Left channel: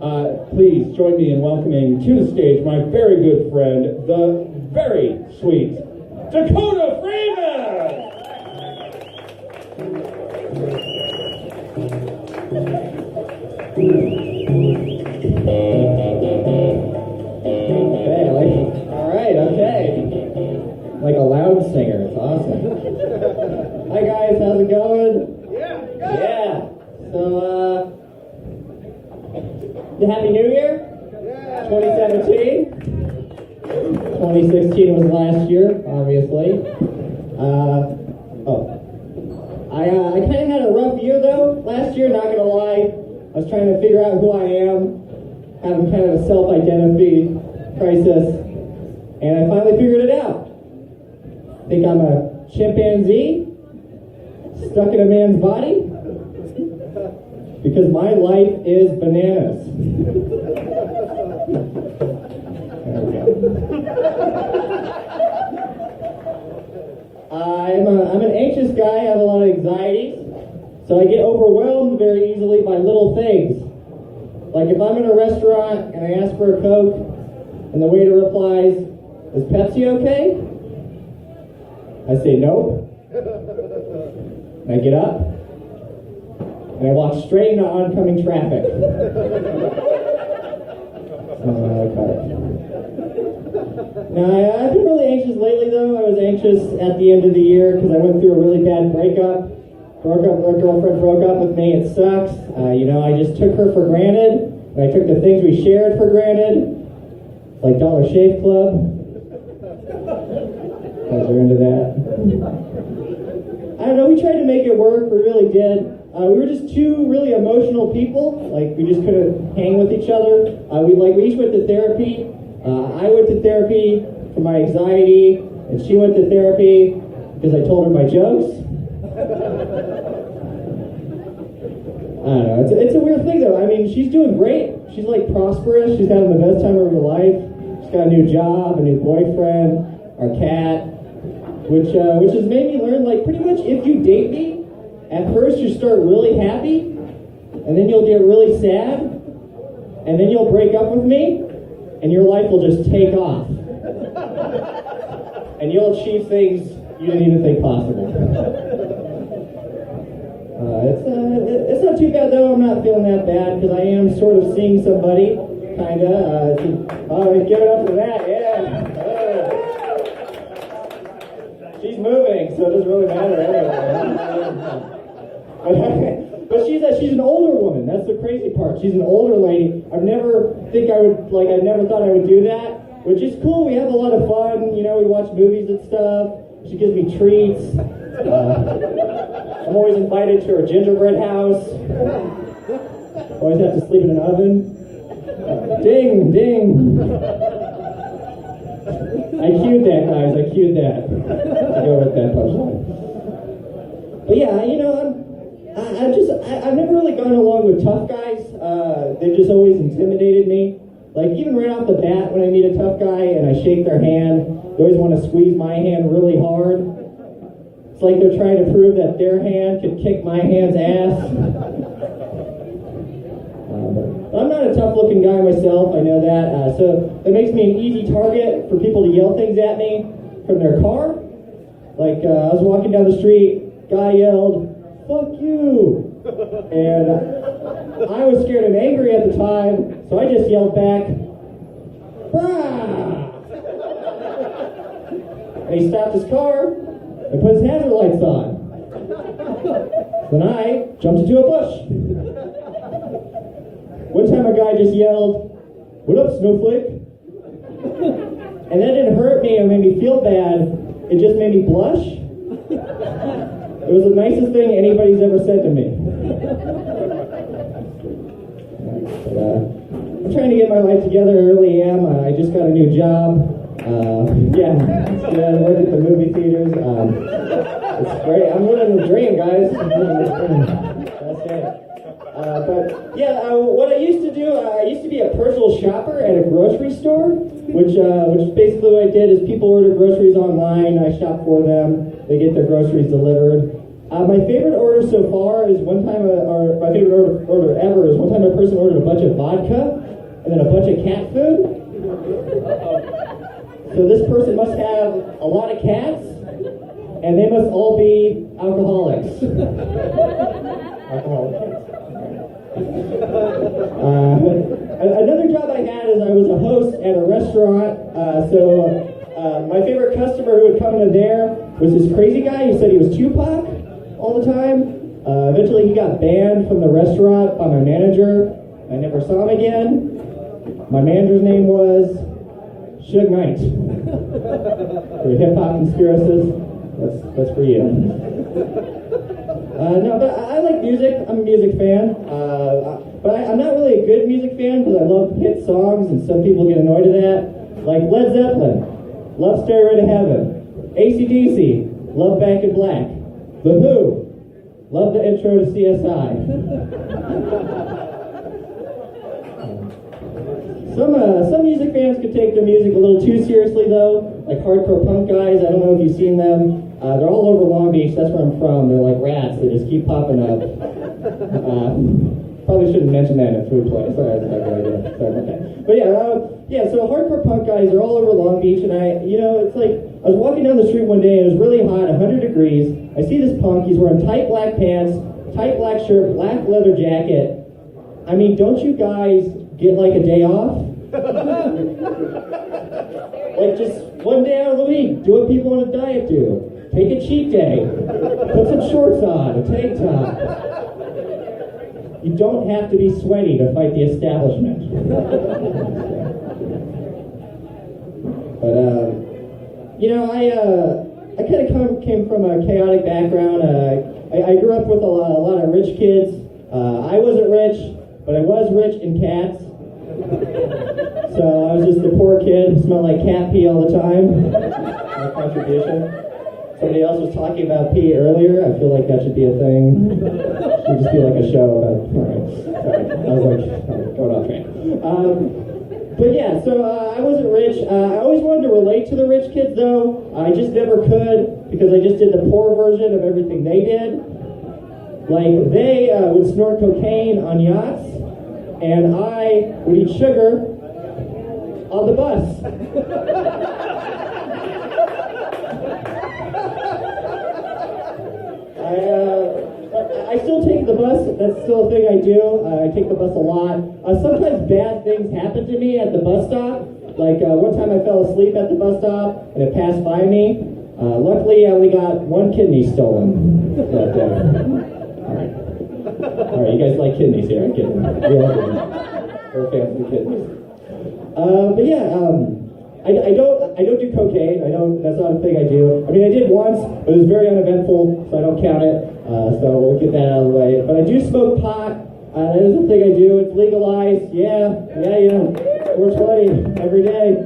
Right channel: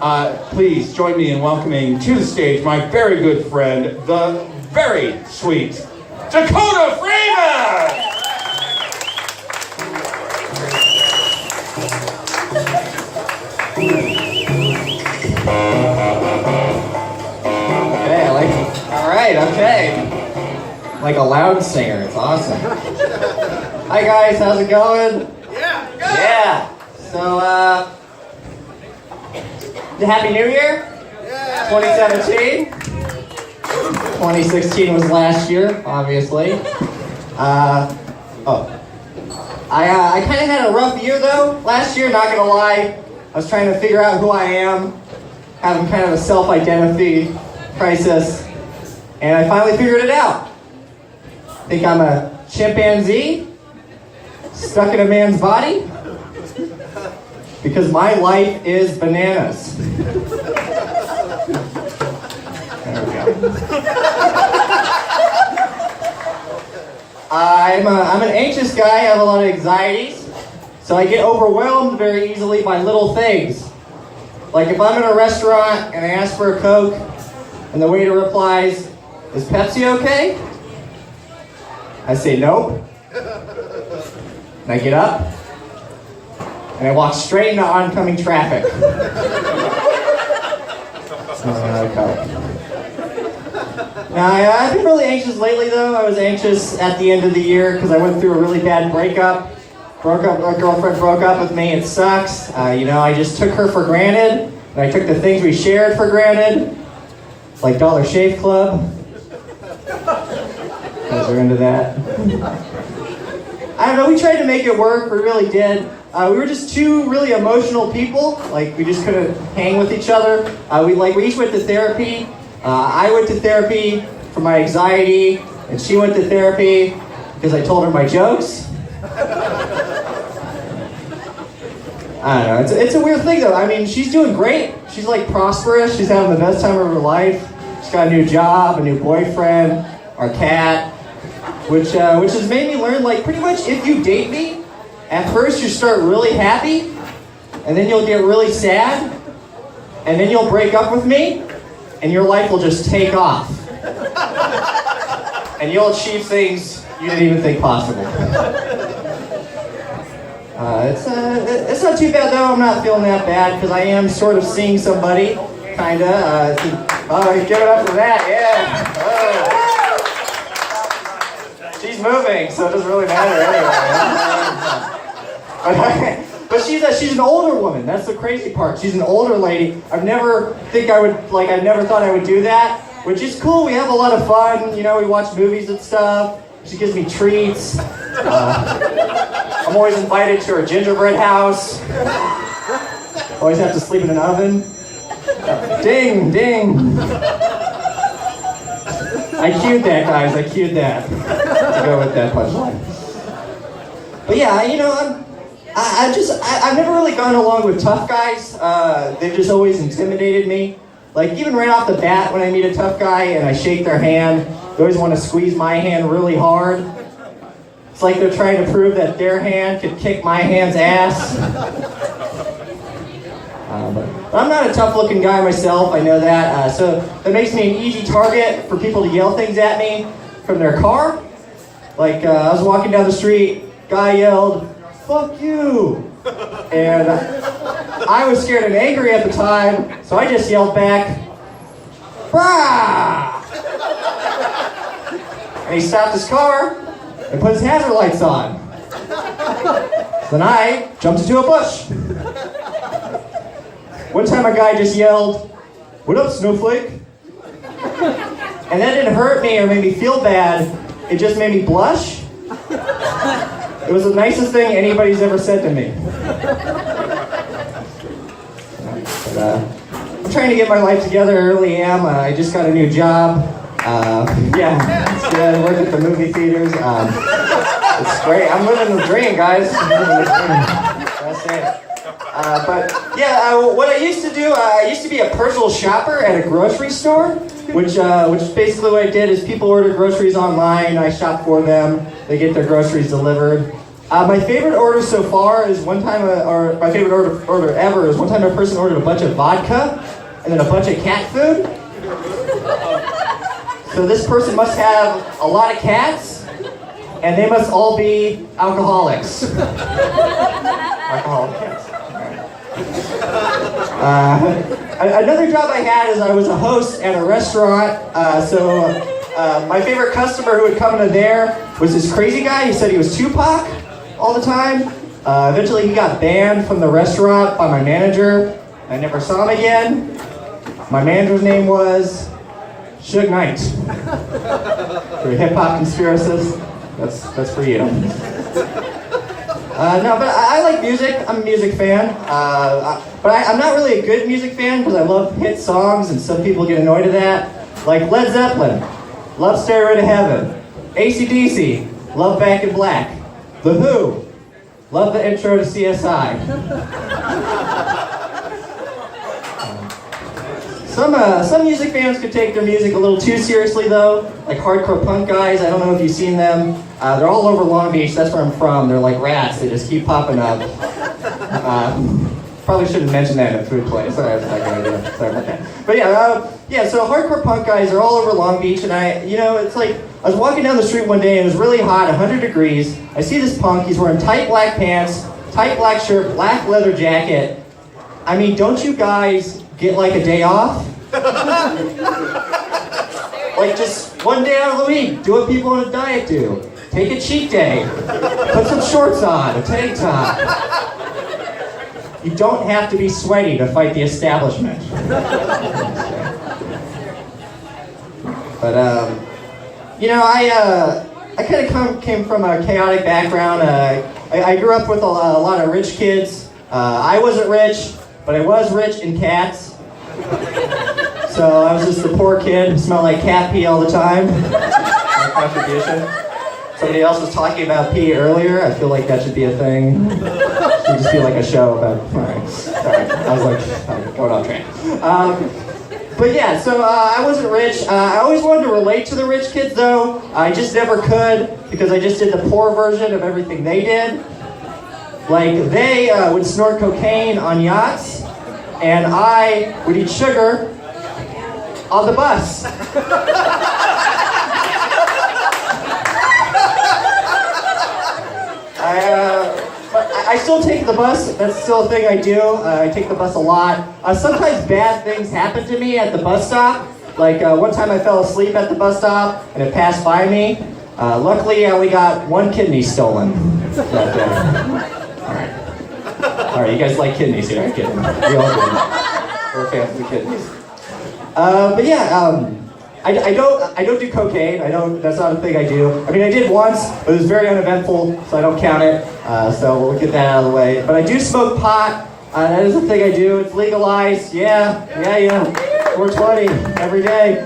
Please join me in welcoming to the stage my very good friend, the very sweet Dakota Freeman! Okay, alright, okay. Like a loud singer, it's awesome. Hi guys, how's it going? Yeah, good. Yeah. So, Happy New Year? Yeah. 2017? 2016 was last year, obviously. I kind of had a rough year though, last year, not gonna lie. I was trying to figure out who I am, having kind of a self-identity crisis, and I finally figured it out. I think I'm a chimpanzee, stuck in a man's body, because my life is bananas. There we go. I'm an anxious guy, I have a lot of anxieties, so I get overwhelmed very easily by little things. Like if I'm in a restaurant and I ask for a Coke, and the waiter replies, "Is Pepsi okay?" I say nope. And I get up, and I walk straight into oncoming traffic. Now, I've been really anxious lately though. I was anxious at the end of the year because I went through a really bad breakup. My girlfriend broke up with me, it sucks. I just took her for granted, and I took the things we shared for granted, like Dollar Shave Club. You guys are into that? I don't know, we tried to make it work, we really did. We were just two really emotional people, like we just couldn't hang with each other. We each went to therapy. I went to therapy for my anxiety, and she went to therapy because I told her my jokes. I don't know, it's a weird thing though. I mean, she's doing great. She's like prosperous, she's having the best time of her life. She's got a new job, a new boyfriend, our cat, which has made me learn, like, pretty much if you date me, at first you start really happy, and then you'll get really sad, and then you'll break up with me, and your life will just take off. And you'll achieve things you didn't even think possible. It's not too bad though, I'm not feeling that bad, because I am sort of seeing somebody, kinda. Give it up for that, yeah. Oh. She's moving, so it doesn't really matter anyway. But she's an older woman, that's the crazy part. She's an older lady. I never thought I would do that, which is cool. We have a lot of fun, we watch movies and stuff. She gives me treats. I'm always invited to her gingerbread house. Always have to sleep in an oven. Ding, ding. I cued that, guys. I cued that to go with that punchline. But yeah, I've never really gone along with tough guys. They've just always intimidated me. Like even right off the bat, when I meet a tough guy and I shake their hand, they always want to squeeze my hand really hard. It's like they're trying to prove that their hand could kick my hand's ass. But I'm not a tough-looking guy myself, I know that. So that makes me an easy target for people to yell things at me from their car. Like I was walking down the street, guy yelled, "Fuck you!" And I was scared and angry at the time, so I just yelled back, "Brah!" And he stopped his car and put his hazard lights on. Then I jumped into a bush. One time a guy just yelled, "What up, Snowflake?" And that didn't hurt me or make me feel bad, it just made me blush. It was the nicest thing anybody's ever said to me. But, I'm trying to get my life together, I really am. I just got a new job. I work at the movie theaters. It's great. I'm living the dream, guys. I'm living the dream. That's it. What I used to do, I used to be a personal shopper at a grocery store, which basically what I did is people order groceries online, I shop for them, they get their groceries delivered. My favorite order so far is one time, or my favorite order ever is one time a person ordered a bunch of vodka and then a bunch of cat food. So this person must have a lot of cats, and they must all be alcoholics. Alcoholic cats. Another job I had is I was a host at a restaurant. My favorite customer who would come in there was this crazy guy. He said he was Tupac all the time. Eventually he got banned from the restaurant by my manager. I never saw him again. My manager's name was Suge Knight. For hip-hop conspiracists, that's for you. No, but I like music. I'm a music fan. But I'm not really a good music fan because I love hit songs and some people get annoyed at that. Like Led Zeppelin, love Stairway to Heaven. AC/DC, love Back in Black. The Who, love the intro to CSI. Some music fans could take their music a little too seriously though, like hardcore punk guys. I don't know if you've seen them. They're all over Long Beach, that's where I'm from. They're like rats, they just keep popping up. Probably shouldn't mention that in a food place. Sorry, that's not a good idea. Sorry about that. But so hardcore punk guys are all over Long Beach, and it's like, I was walking down the street one day, and it was really hot, 100 degrees. I see this punk, he's wearing tight black pants, tight black shirt, black leather jacket. I mean, don't you guys get like a day off? Like just one day out of the week, do what people on a diet do. Take a cheat day, put some shorts on, a tank top. You don't have to be sweaty to fight the establishment. But I kind of came from a chaotic background. I grew up with a lot of rich kids. I wasn't rich, but I was rich in cats. So I was just a poor kid who smelled like cat pee all the time. My contribution. Somebody else was talking about pee earlier. I feel like that should be a thing. It should just be like a show about. Sorry. I was like going off track. I wasn't rich. I always wanted to relate to the rich kids though. I just never could because I just did the poor version of everything they did. Like they would snort cocaine on yachts, and I would eat sugar on the bus. I still take the bus. That's still a thing I do. I take the bus a lot. Sometimes bad things happen to me at the bus stop. Like one time I fell asleep at the bus stop and it passed by me. Luckily, I only got one kidney stolen that day. All right, you guys like kidneys here? I'm kidding. We all do. We're fans of kidneys. I don't do cocaine. That's not a thing I do. I mean, I did once, but it was very uneventful, so I don't count it. So we'll get that out of the way. But I do smoke pot. That is a thing I do. It's legalized. Yeah. 420 every day.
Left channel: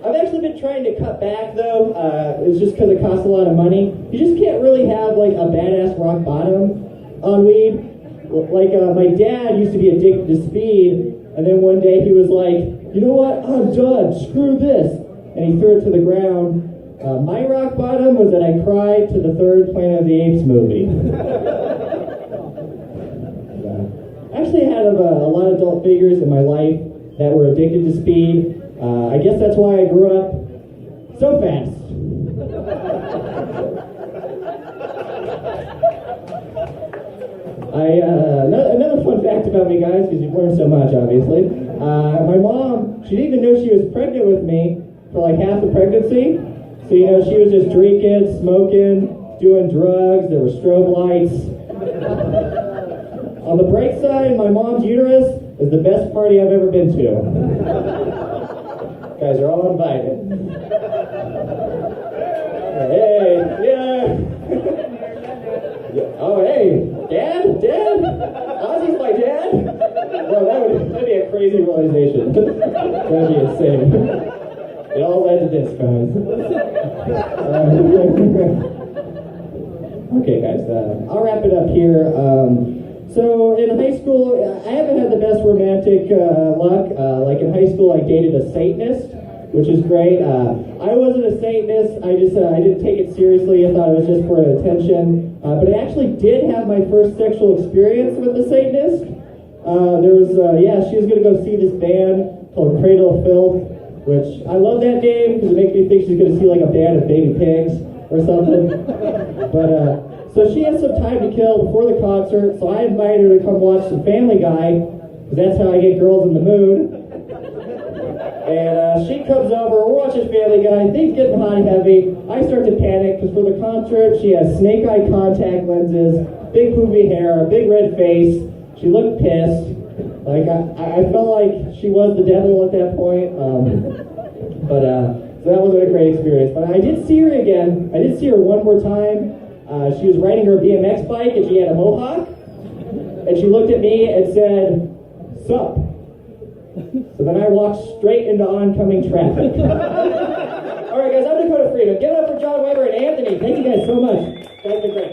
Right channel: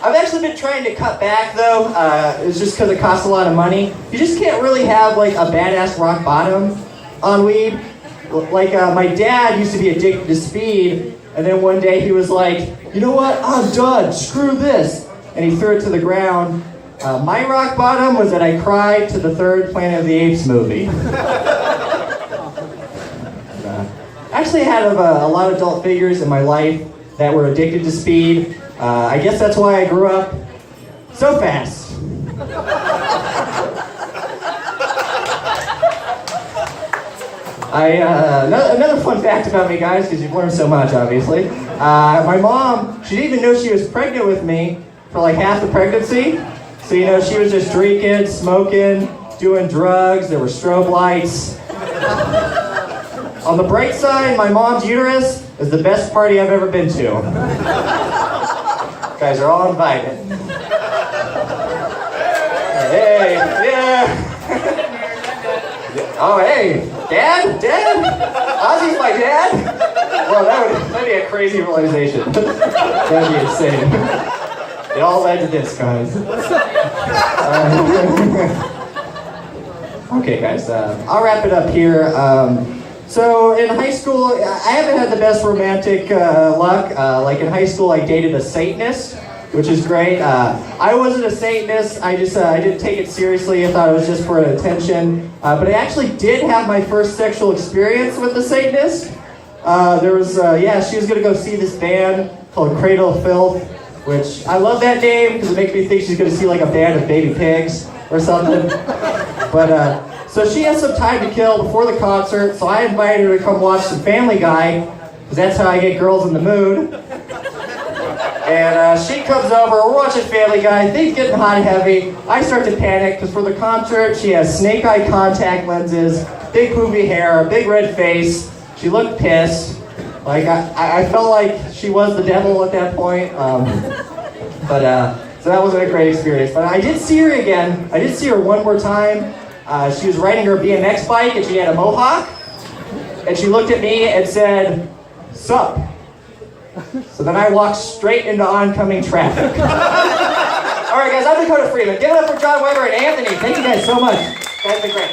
I've actually been trying to cut back though. It's just because it costs a lot of money. You just can't really have like a badass rock bottom on weed. Like my dad used to be addicted to speed. And then one day he was like, you know what, I'm done, screw this. And he threw it to the ground. My rock bottom was that I cried to the third Planet of the Apes movie. Actually, I had a lot of adult figures in my life that were addicted to speed. I guess that's why I grew up so fast. Another fun fact about me, guys, because you've learned so much, obviously. My mom, she didn't even know she was pregnant with me for like half the pregnancy. So, she was just drinking, smoking, doing drugs. There were strobe lights. On the bright side, my mom's uterus is the best party I've ever been to. You guys are all invited. Hey, yeah. Oh, hey, Dad? Ozzy's my dad? Well, that'd be a crazy realization. That'd be insane. It all led to this, guys. Okay, guys, I'll wrap it up here. So in high school, I haven't had the best romantic luck. Like in high school, I dated a Satanist. which is great. I wasn't a Satanist. I didn't take it seriously. I thought it was just for attention. But I actually did have my first sexual experience with the Satanist. She was gonna go see this band called Cradle of Filth, which I love that name because it makes me think she's gonna see like a band of baby pigs or something. But so she has some time to kill before the concert, so I invited her to come watch some Family Guy, because that's how I get girls in the mood. And she comes over, we're watching Family Guy, things getting hot and heavy. I start to panic, because for the concert, she has snake eye contact lenses, big poofy hair, a big red face. She looked pissed. Like, I felt like she was the devil at that point. So that wasn't a great experience. But I did see her again. I did see her one more time. She was riding her BMX bike and she had a mohawk. And she looked at me and said, "Sup?" So then I walked straight into oncoming traffic. All right, guys, I'm Dakota Freeman. Give it up for John Weber and Anthony. Thank you guys so much. You guys have been great.